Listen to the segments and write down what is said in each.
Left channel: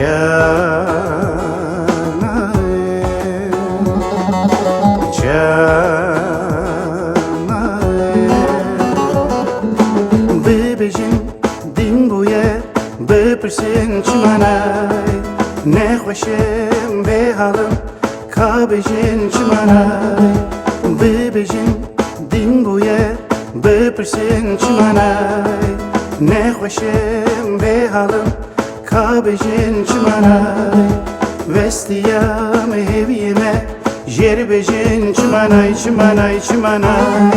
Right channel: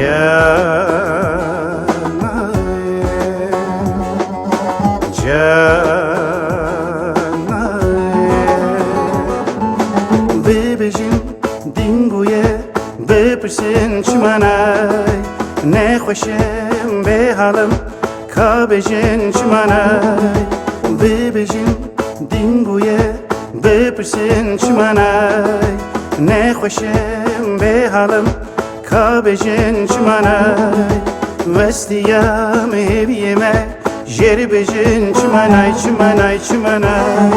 Canaye, canaye, bebejin dinguye, bepirsin çimanay, ne hoşem be halım, kabejin çimanay, bebejin dinguye, bepirsin çimanay, ne hoşem be halım, kabejin çimanay, vestiyam eviyeme, jerbejin çimanay, çimanay, çimanay.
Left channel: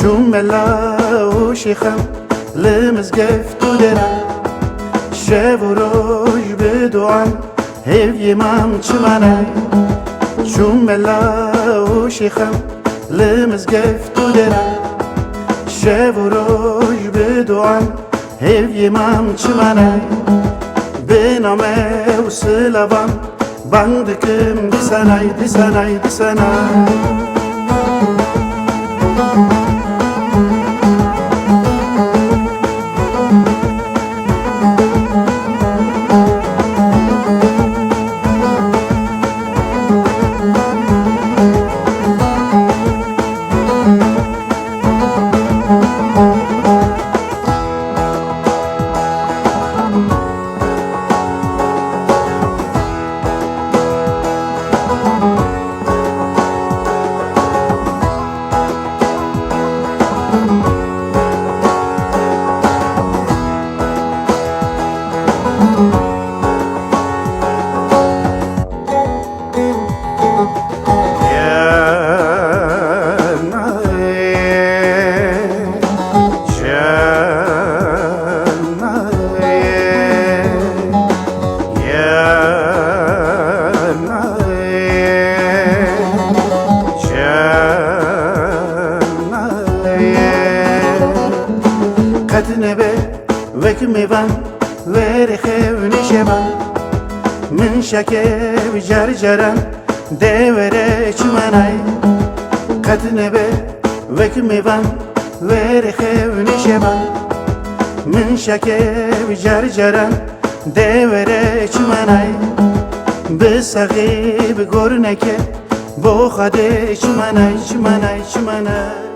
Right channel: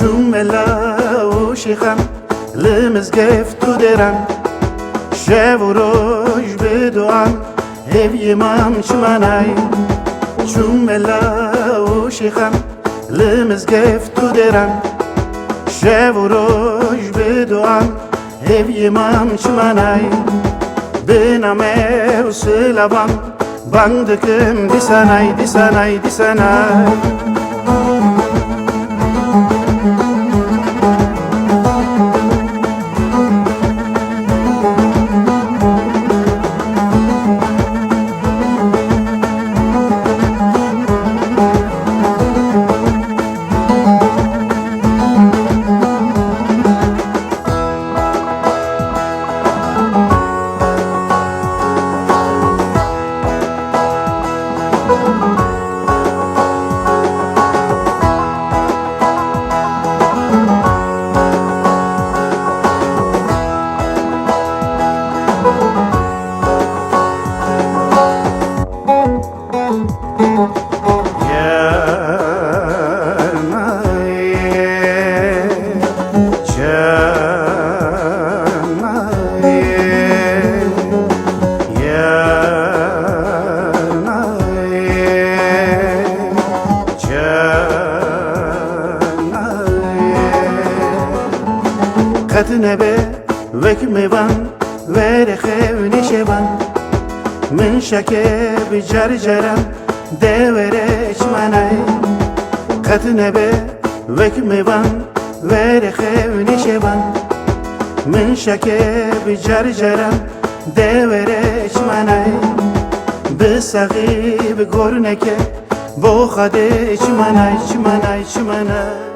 Çumela o şikham lemezgef tu deran şevuruj beduan ev yemam çimanay Çumela o şikham lemezgef tu deran şevuruj beduan ev yemam çimanay Benamev sılavan bandıkım disanay disanay disanay Katnebe vekmevan verehev neşevan Min şakev carcaran devere çimanay Katnebe vekmevan verehev neşevan Min şakev carcaran devere çimanay Bisagib gorneke bo khade çimanay çimanay çimanay